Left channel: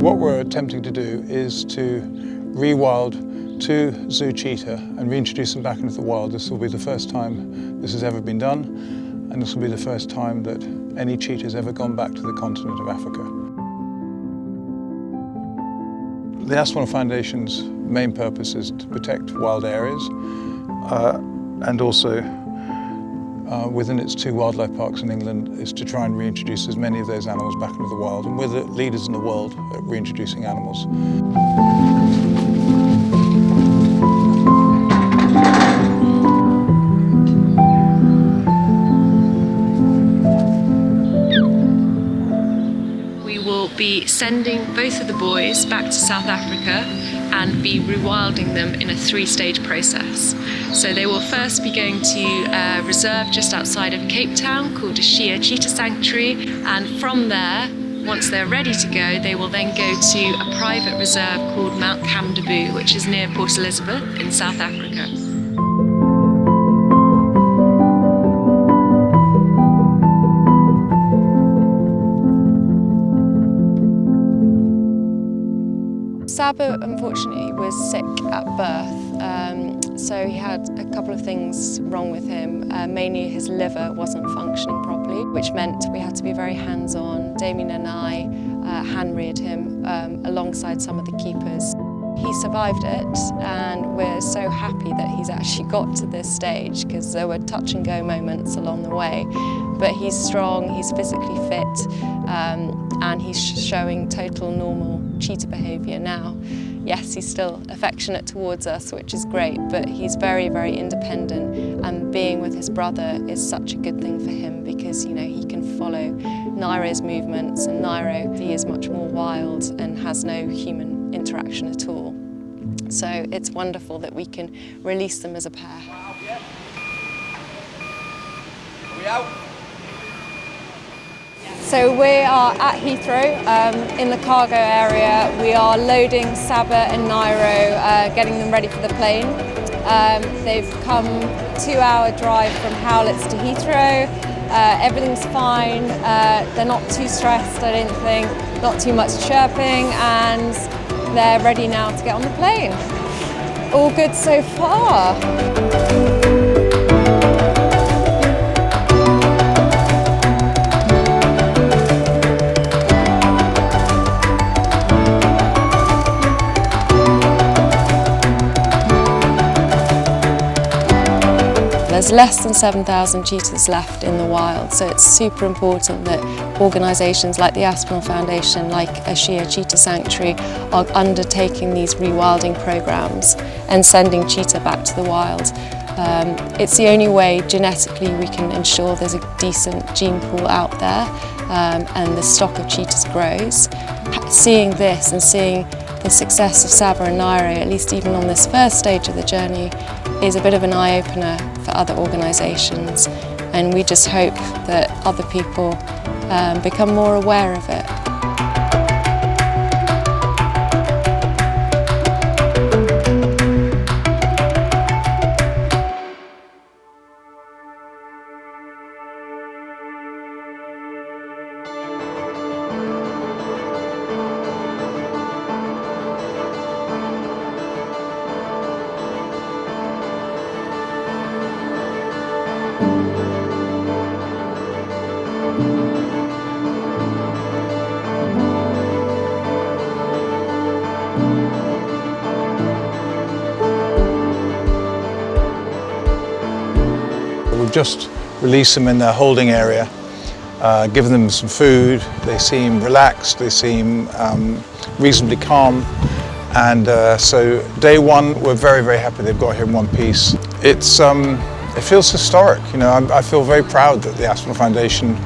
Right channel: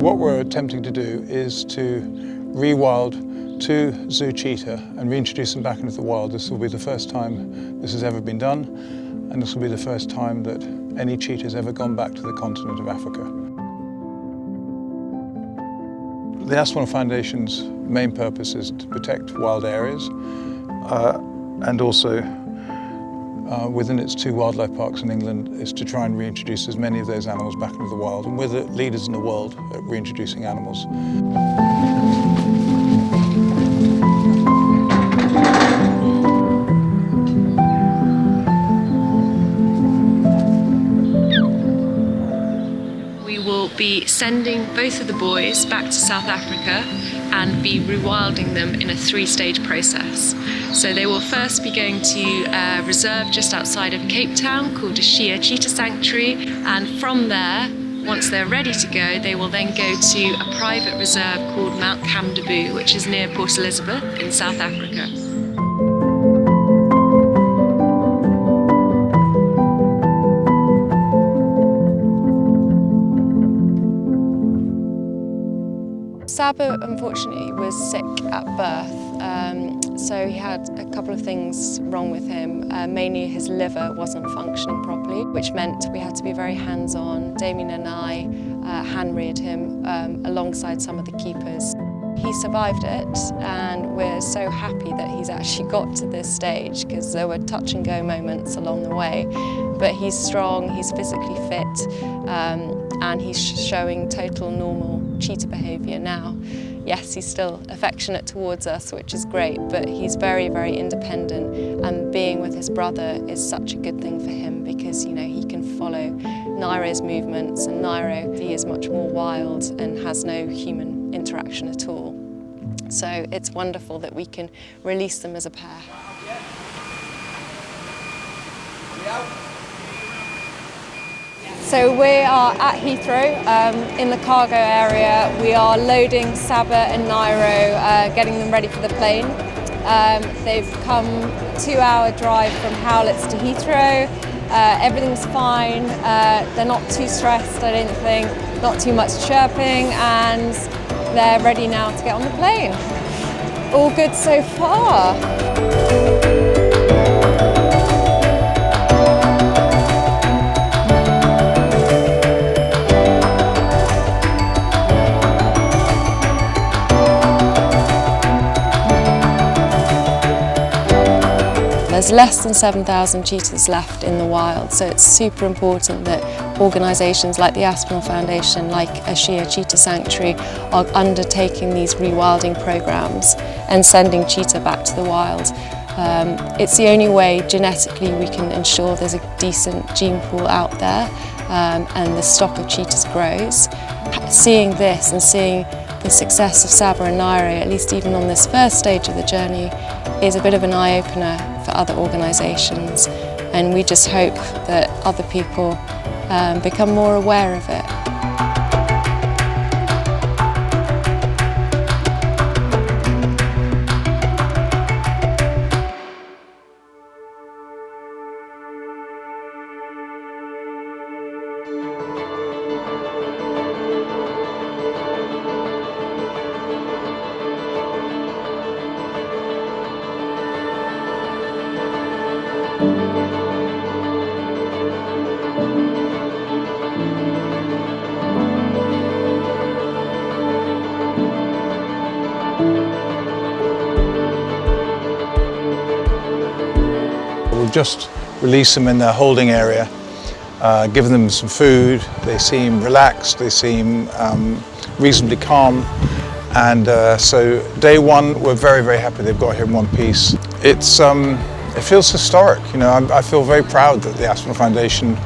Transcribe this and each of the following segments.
What we're attempting to do is to rewild 2 zoo cheetah and reintroduce them back into the wild. This will be the first time this has ever been done, and this will be the first time that any cheetah has ever gone back to the continent of Africa. The Aspinall Foundation's main purpose is to protect wild areas and also within its 2 wildlife parks in England is to try and reintroduce as many of those animals back into the wild, and we're the leaders in the world at reintroducing animals. We will be sending both of the boys back to South Africa and be rewilding them in a 3-stage process. So they will first be going to a reserve just outside of Cape Town called Cheetah Sanctuary, and from there, once they're ready to go, they will then go to a private reserve called Mount Kamdaboo, which is near Port Elizabeth in South Africa. Sabo unfortunately was sick at birth, so he had a couple of things wrong with him. Mainly his liver wasn't functioning properly, which meant we had to be very hands-on. Damien and I hand-reared him alongside some of the keepers. He survived it, and we're so happy that he's actually got to this stage, because there were touch and go moments along the way. But he's strong, he's physically fit, and he's showing total normal cheetah behaviour now. Yes, he's still affectionate towards us, which is great, but he's very, very independent, and being with his brother is such a good thing for him, because he can follow Nairo's movements, and Nairo, he is much more wild and has no human interaction at all. So it's wonderful that we can release them as a pair. So we are at Heathrow in the cargo area. We are loading Sabo and Nairo, getting them ready for the plane. They've come 2-hour drive from Howletts to Heathrow. Everything's fine. They're not too stressed, I don't think. Not too much chirping, and they're ready now to get on the plane. All good so far. There's less than 7,000 cheetahs left in the wild, so it's super important that organisations like the Aspinall Foundation, like Cheetah Sanctuary, are undertaking these rewilding programmes and sending cheetah back to the wild. It's the only way genetically we can ensure there's a decent gene pool out there, and the stock of cheetahs grows. Seeing this and seeing the success of Sabo and Nairo, at least even on this first stage of the journey, is a bit of an eye-opener for other organisations, and we just hope that other people become more aware of it. We've just released them in their holding area, given them some food. They seem relaxed, they seem reasonably calm, and so day one we're very, very happy they've got here in one piece. It feels historic, I feel very proud that the Aspinall Foundation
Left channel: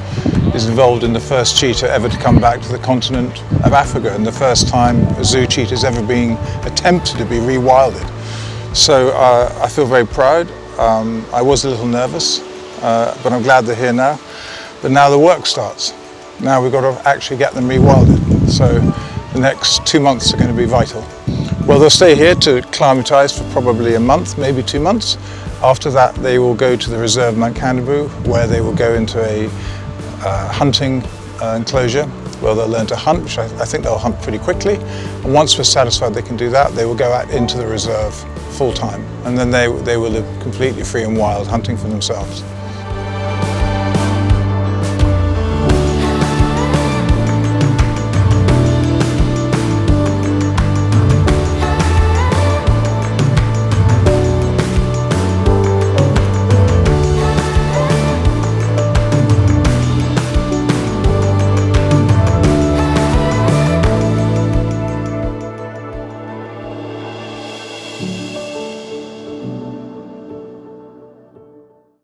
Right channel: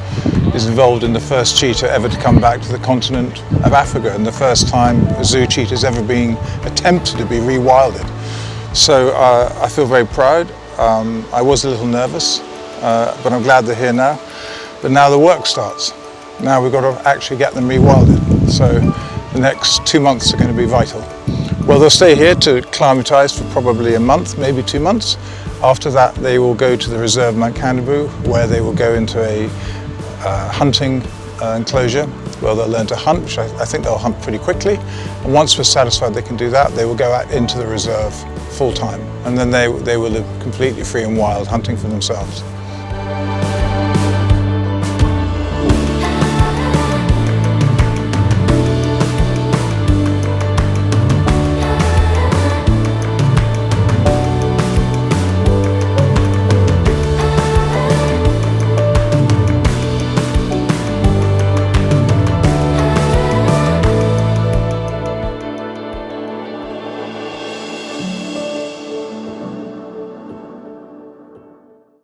is involved in the first cheetah ever to come back to the continent of Africa, and the first time a zoo cheetah has ever been attempted to be rewilded. So I feel very proud. I was a little nervous, but I'm glad they're here now. But now the work starts. Now we've got to actually get them rewilded. So the next 2 months are going to be vital. Well, they'll stay here to acclimatise for probably a month, maybe 2 months. After that, they will go to the reserve Mount Kamdaboo, where they will go into a hunting enclosure where they'll learn to hunt, which I think they'll hunt pretty quickly. And once we're satisfied they can do that, they will go out into the reserve full time. And then they will live completely free and wild, hunting for themselves.